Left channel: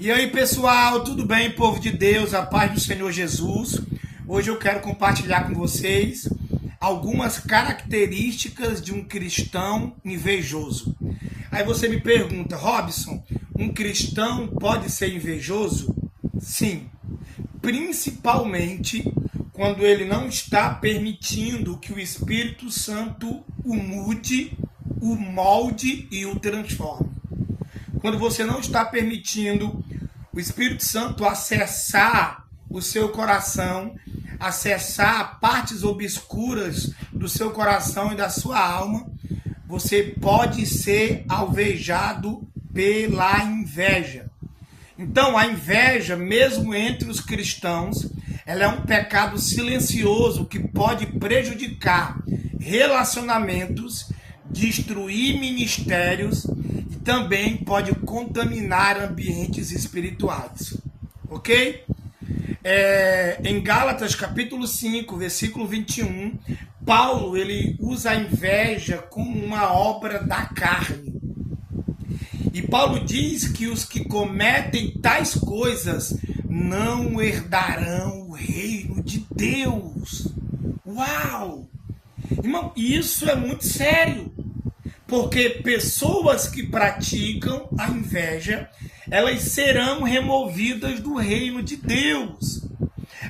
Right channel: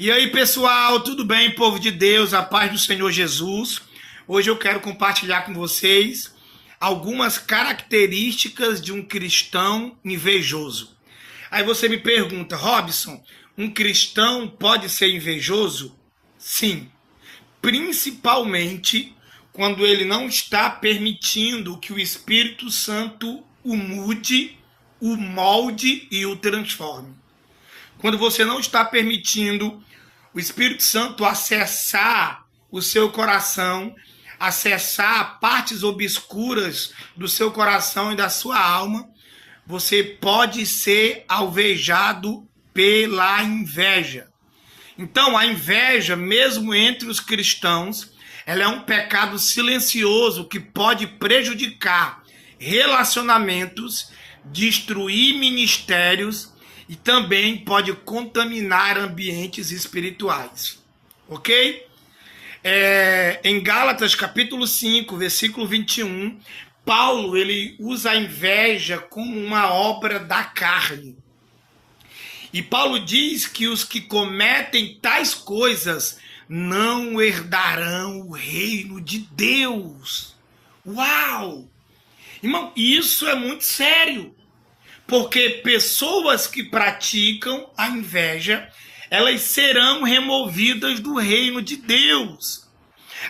E aí, pessoal, tudo bem, povo de Deus, a paz do Senhor Jesus? Hoje eu quero compartilhar com vocês algumas características de um cristão invejoso. Aí você me pergunta, Robson, um cristão pode ser invejoso? Sim, principalmente quando ele não está permitindo que o Espírito Santo o mude, o molde e o transforme. Quando você não está permitindo o Espírito Santo acessar o seu coração, acessar partes obscuras do seu coração e da sua alma, você pode ser alvejado pela inveja. Então, a inveja, mesmo entre os cristãos, ela é um pecado silencioso que pode prejudicar relacionamentos, destruir ministérios e também pode contaminar ambientes espirituais, ok? Em Gálatas capítulo 5, versículo 21, Paulo ele usa a inveja como uma obra da carne. E Paulo diz que os que cometem tais coisas não herdarão o reino de Deus. Uau! Irmão, isso é muito sério. Porque pessoas que praticam a inveja, elas serão removidas do reino de Deus.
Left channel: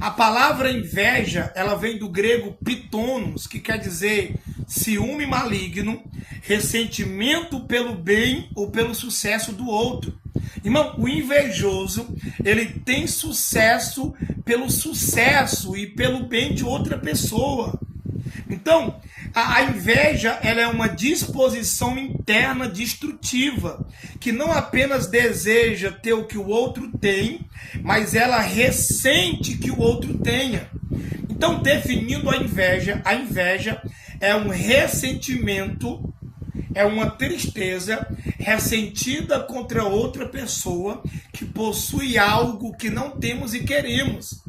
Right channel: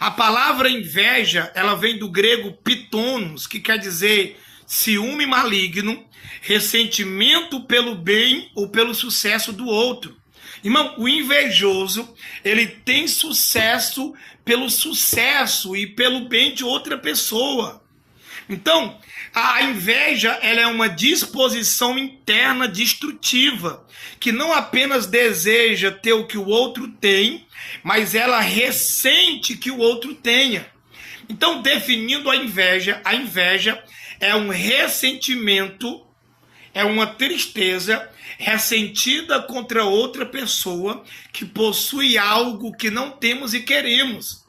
A palavra inveja, ela vem do grego pitonos, que quer dizer ciúme maligno, ressentimento pelo bem ou pelo sucesso do outro. Irmão, o invejoso, ele tem sucesso pelo sucesso e pelo bem de outra pessoa. Então, a inveja ela é uma disposição interna destrutiva, que não apenas deseja ter o que o outro tem, mas ela ressente que o outro tenha. Então, definindo a inveja é um ressentimento, é uma tristeza ressentida contra outra pessoa que possui algo que não temos e queremos.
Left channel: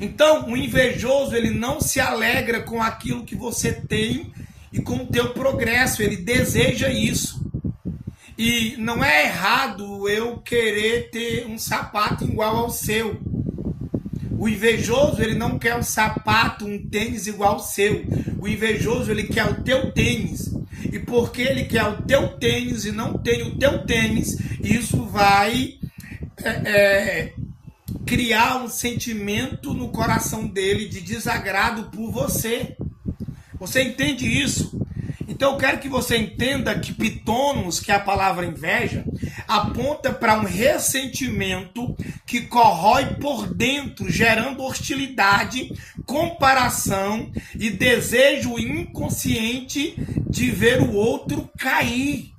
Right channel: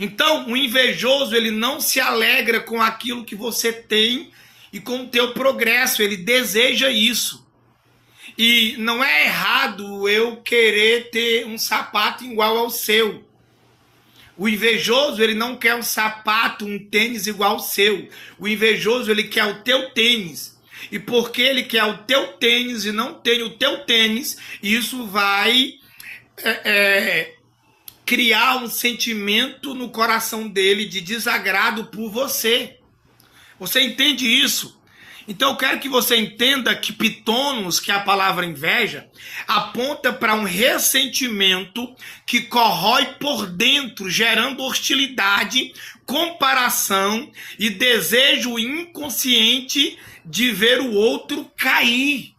Então, o invejoso, ele não se alegra com aquilo que você tem e com o teu progresso, ele deseja isso. E não é errado eu querer ter um sapato igual ao seu. O invejoso, ele não quer um sapato, um tênis igual ao seu. O invejoso, ele quer o teu tênis. E porque ele quer o teu tênis e não tem o teu tênis, isso vai criar um sentimento no coração dele de desagrado por você. Você entende isso? Então eu quero que você entenda que pitonos, que é a palavra inveja, aponta para um ressentimento que corrói por dentro, gerando hostilidade, comparação e desejo inconsciente de ver o outro cair.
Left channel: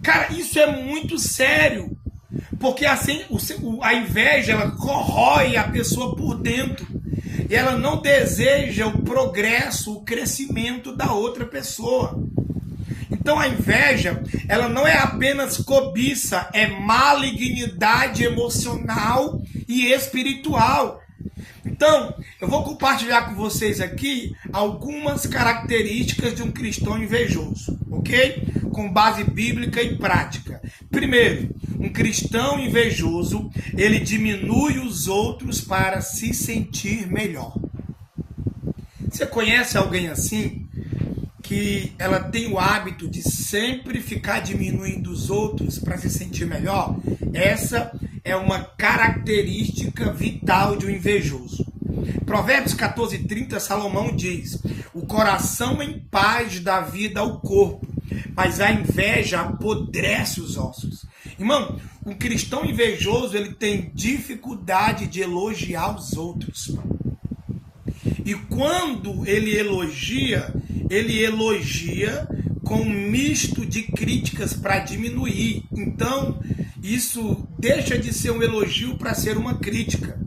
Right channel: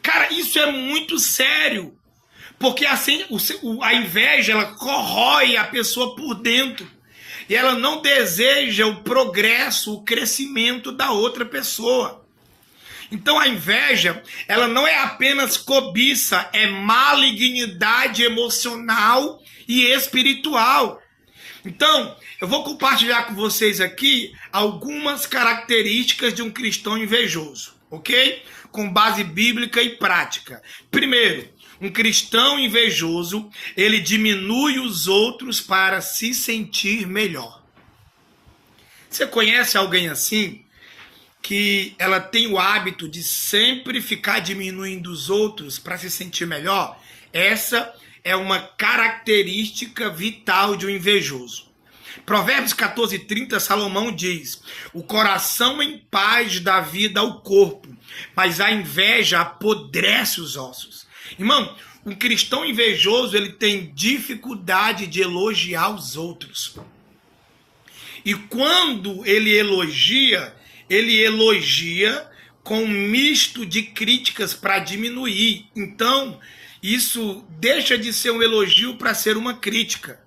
Cara, isso é muito sério. Porque assim, a inveja, ela corrói a pessoa por dentro. E ela não deseja o progresso, o crescimento da outra pessoa. Então a inveja, ela não é apenas cobiça, é malignidade emocional e espiritual. Então, eu vou compartilhar com vocês aqui algumas características de um cristão invejoso, ok? Com base bíblica e prática. Primeiro, um cristão invejoso, ele diminui os outros para se sentir melhor. Você conhece alguém assim? Que ela tem o hábito de sempre ficar diminuindo os outros para se sentir melhor? Essa é uma característica vital de um invejoso. Provérbios 14:30, Salomão diz: o coração em paz dá vida ao corpo, mas a inveja apodrece os ossos. Irmão, um cristão invejoso, ele tem dificuldade de elogiar os outros. E quando ele elogia com um misto de críticas para diminuir. Então, isso deixa de ser um elogio para ser uma crítica,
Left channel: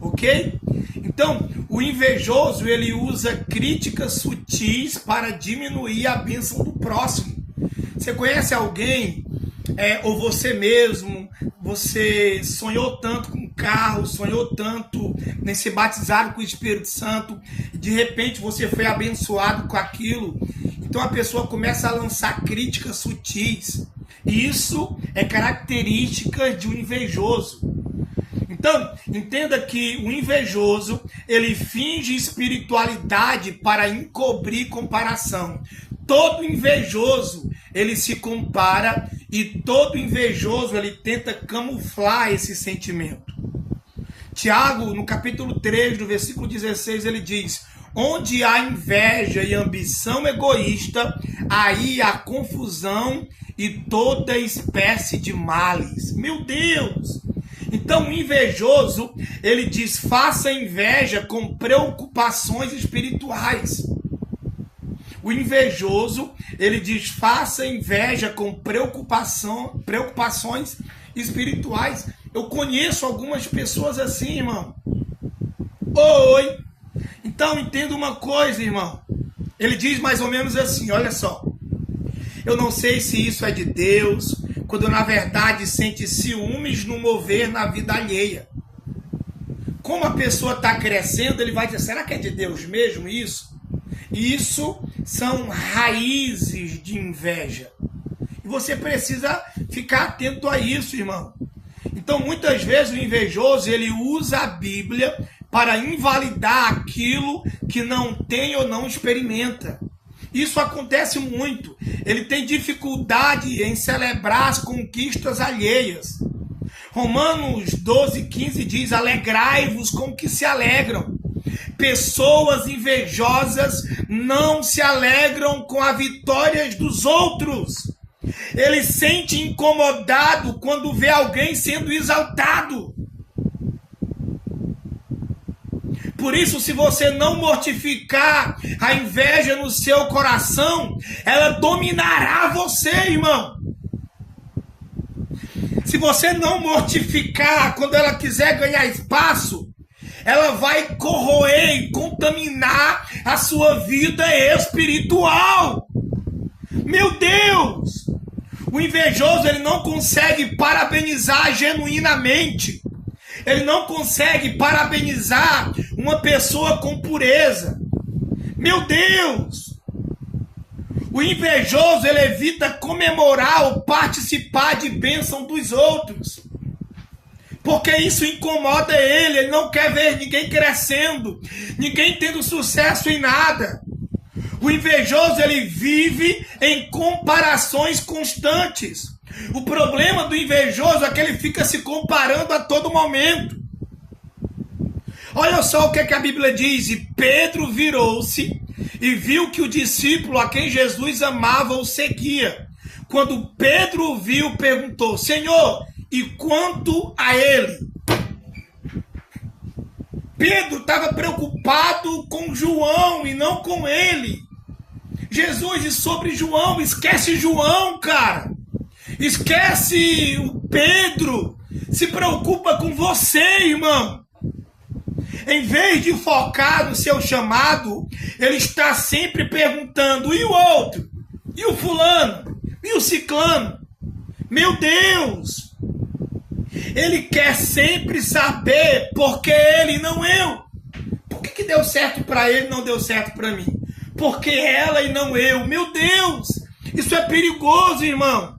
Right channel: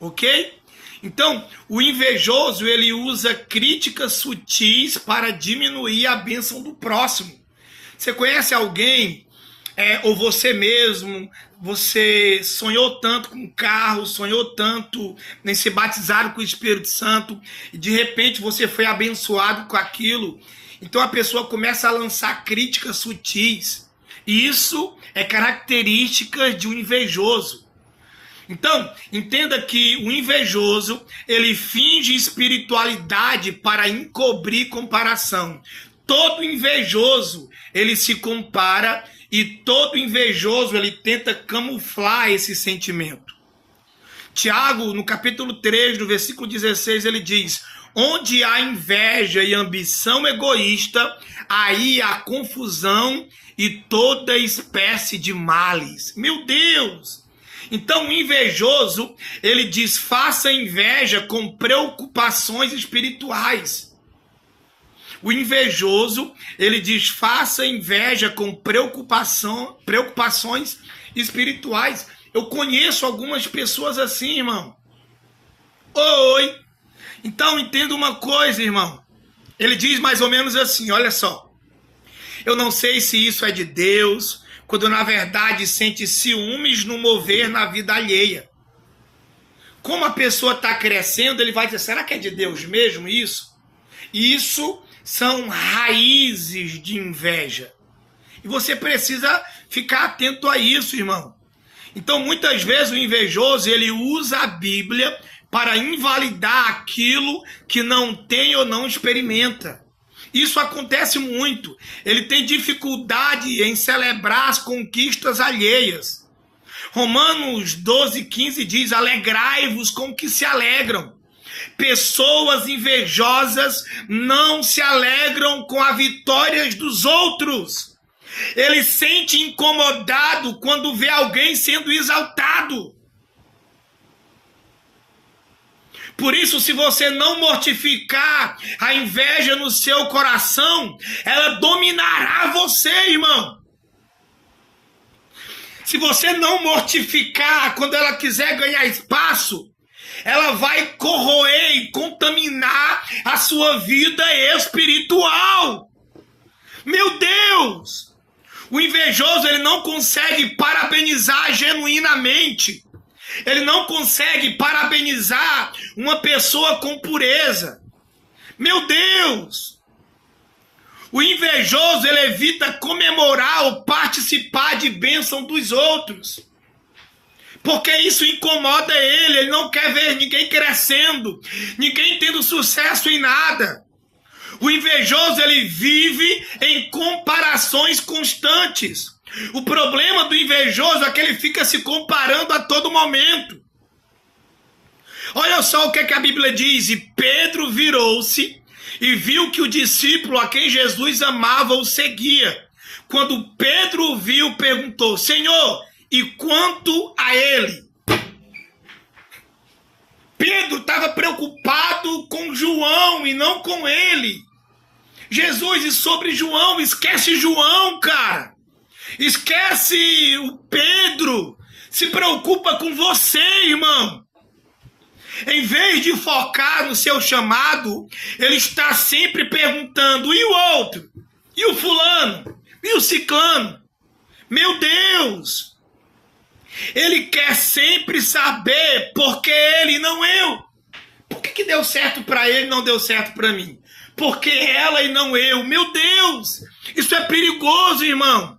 ok? Então, o invejoso, ele usa críticas sutis para diminuir a bênção do próximo. Você conhece alguém, ou você mesmo, você sonhou tanto com um carro, sonhou tanto em ser batizado com o Espírito Santo, e de repente você foi abençoado com aquilo. Então a pessoa começa a lançar críticas sutis. Isso é característica de um invejoso. Então, entenda que o invejoso, ele finge espiritualidade para encobrir comparação. Todo invejoso, ele se compara e todo invejoso, ele tenta camuflar esse sentimento. Tiago, no capítulo 3, no versículo 16, ele diz: onde há inveja e ambição egoísta, aí há confusão e toda espécie de males. Meu Deus! Então o invejoso, ele diz, faça inveja com preocupações espirituais. O invejoso, ele diz, faça inveja com preocupações espirituais. Eu conheço algumas pessoas assim, irmão. Oi! Então entenda uma coisa, irmão. Ele diz mais ou menos assim, olha só. Eu não sei se isso é de Deus, quando na verdade sente ciúmes no mover na vida alheia. Como a pessoa está crescendo, ele vai dizer, será que é de Deus mesmo isso? Isso são raízes de inveja. E você precisa ficar atento a isso, irmão. Então, muitas vezes o invejoso, ele usa a Bíblia para invalidar aquilo que não tem ou não experimenta. Isso acontece muito. Ele tem dificuldade em celebrar as conquistas alheias. Romanos 12:15 diz, alegrai-vos com que se alegram. Pessoas invejosas não se alegram com as vitórias dos outros. Ele se sente incomodado quando vê alguém sendo exaltado. Por isso, se você não mortificar a inveja no seu coração, ela dominará você, irmão. Se você não mortificar quando ela quiser ganhar espaço, ela vai corroer e contaminar a sua vida espiritual. Meu Deus! O invejoso, ele não consegue parabenizar genuinamente. Ele não consegue parabenizar uma pessoa com pureza. Meu Deus! O invejoso, ele evita comemorar ou participar de bênção dos outros. Porque isso incomoda ele. Ele não quer ver ninguém crescendo, ninguém tendo sucesso em nada. O invejoso, ele vive em comparações constantes. O problema do invejoso é que ele fica se comparando a todo momento. Olha só o que a Bíblia diz. E Pedro virou-se e viu que o discípulo a quem Jesus amava o seguia. Quando Pedro o viu, perguntou, Senhor, e quanto a ele? Pedro estava preocupado com João e não com ele. Jesus, e sobre João, esquece João, cara. Esquece o Pedro. Se preocupa com você, irmão. Em vez de focar no seu chamado, ele está sempre perguntando, e o outro? E o fulano? E o ciclano? Meu Deus! Ele quer sempre saber por que ele e não eu. Por que deu certo para ele e não deu certo para mim? Por que ela e não eu? Meu Deus! Isso é perigoso, irmão.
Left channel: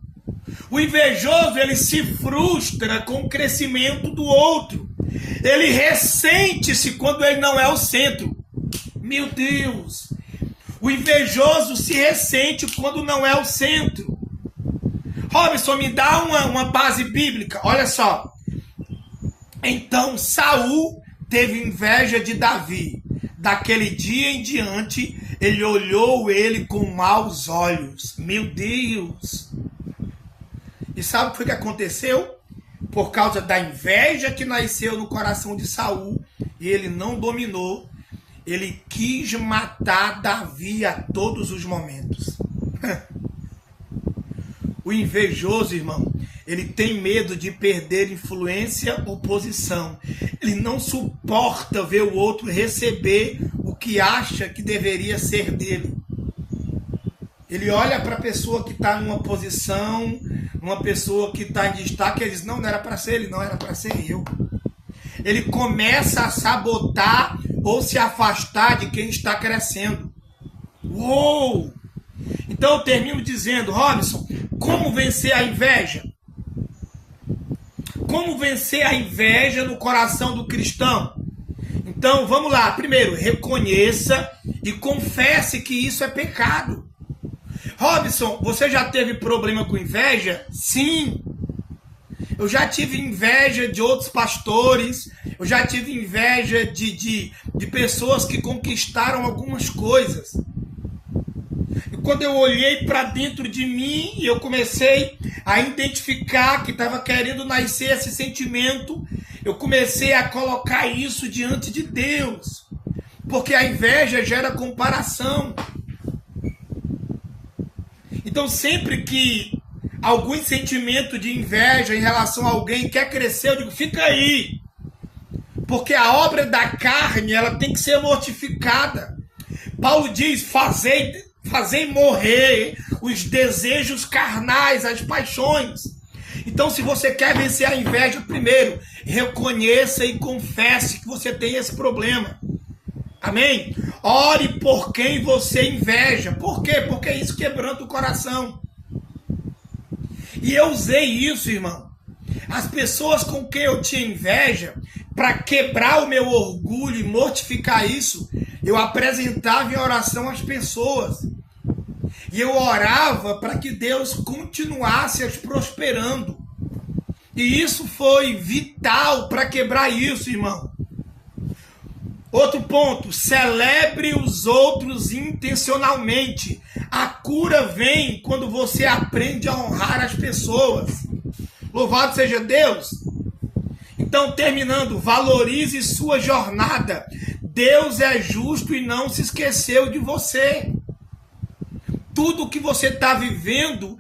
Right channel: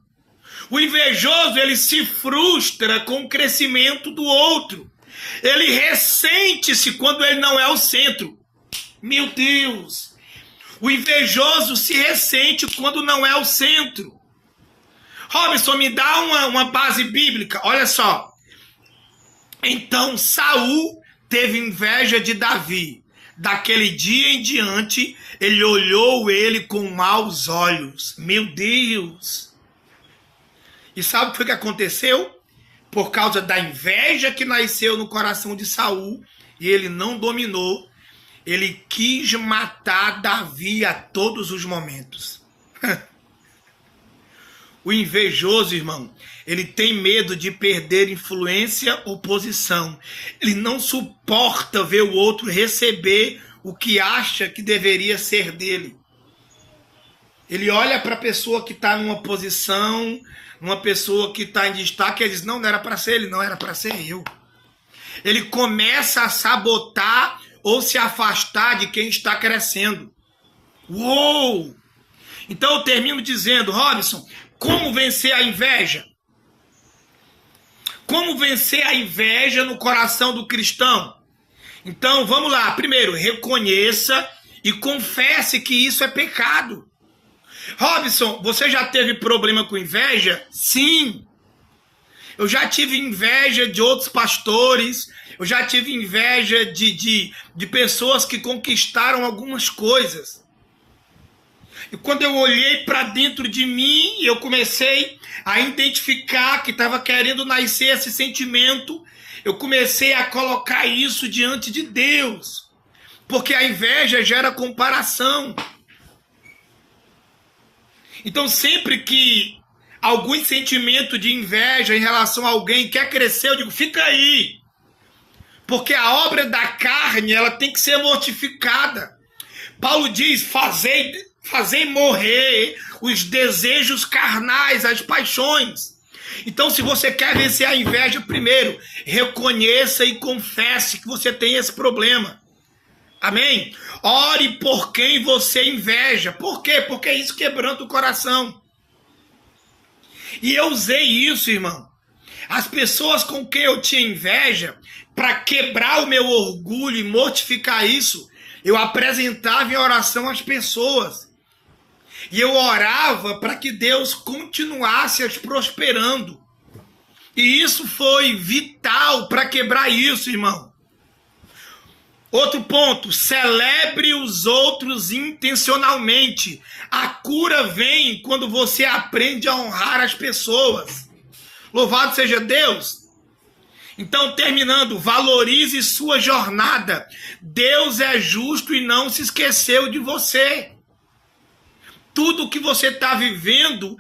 O invejoso, ele se frustra com o crescimento do outro. Ele ressente-se quando ele não é o centro. Meu Deus! O invejoso se ressente quando não é o centro. Robson, me dá uma base bíblica. Olha só. Então Saul teve inveja de Davi. Daquele dia em diante, ele olhou ele com maus olhos. Meu Deus! E sabe o que foi que aconteceu? Por causa da inveja que nasceu no coração de Saul, e ele não dominou, ele quis matar Davi a todos os momentos. O invejoso, irmão, ele tem medo de perder influência ou posição. Ele não suporta ver o outro receber o que acha que deveria ser dele. Ele olha para a pessoa que está numa posição, uma pessoa que está em destaque, e diz, não era para ser ele, não era para ser eu. Ele começa a sabotar ou se afastar de quem está crescendo. Uou! Então eu termino dizendo, Robson, Como vencer a inveja? Como vencer a inveja no coração do cristão? Então, vamos lá. Primeiro, reconheça e confesse que isso é pecado. Robson, você já teve problema com inveja? Sim. Eu já tive inveja de outros pastores, eu já tive inveja de pessoas que conquistaram algumas coisas. E quando eu olhei para dentro de mim, eu comecei a identificar que estava querendo nascer esse sentimento, eu comecei a colocar isso diante de Deus. Porque a inveja gera comparação. Então sempre que algum sentimento de inveja em relação a alguém quer crescer, eu digo, fica aí. Porque a obra da carne, ela tem que ser mortificada. Paulo diz, fazei morrer os desejos carnais, as paixões. Então, se você quer vencer a inveja, primeiro, reconheça e confesse que você tem esse problema. Amém? Ore por quem você inveja. Por quê? Porque isso quebranta o coração. E eu usei isso, irmão. As pessoas com quem eu tinha inveja, para quebrar o meu orgulho e mortificar isso, eu apresentava em oração às pessoas. E eu orava para que Deus continuasse as prosperando. E isso foi vital para quebrar isso, irmão. Outro ponto, celebre os outros intencionalmente. A cura vem quando você aprende a honrar as pessoas. Louvado seja Deus. Então, terminando, valorize sua jornada. Deus é justo e não se esqueceu de você. Tudo que você está vivendo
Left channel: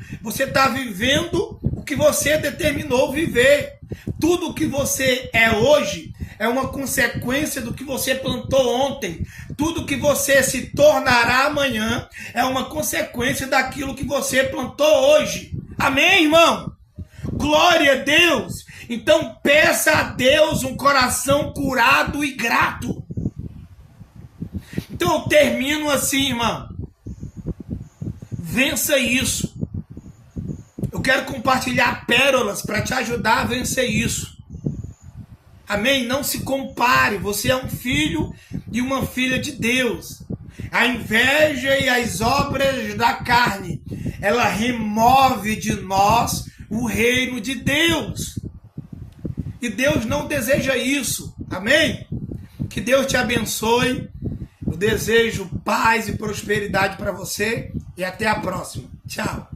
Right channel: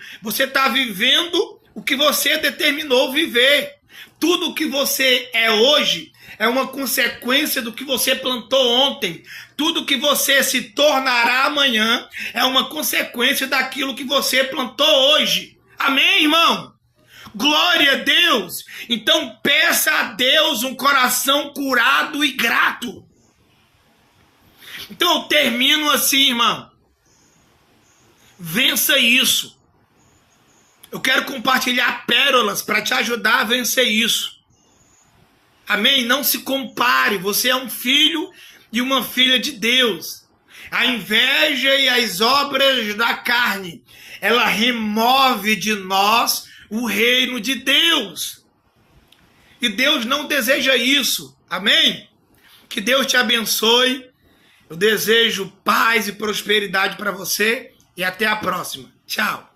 o que você determinou viver. Tudo que você é hoje é uma consequência do que você plantou ontem. Tudo que você se tornará amanhã é uma consequência daquilo que você plantou hoje. Amém, irmão? Glória a Deus! Então peça a Deus um coração curado e grato. Então eu termino assim, irmão. Vença isso. Eu quero compartilhar pérolas para te ajudar a vencer isso. Amém? Não se compare. Você é um filho e uma filha de Deus. A inveja e as obras da carne, ela remove de nós o reino de Deus. E Deus não deseja isso. Amém? Que Deus te abençoe. Eu desejo paz e prosperidade para você e até a próxima. Tchau.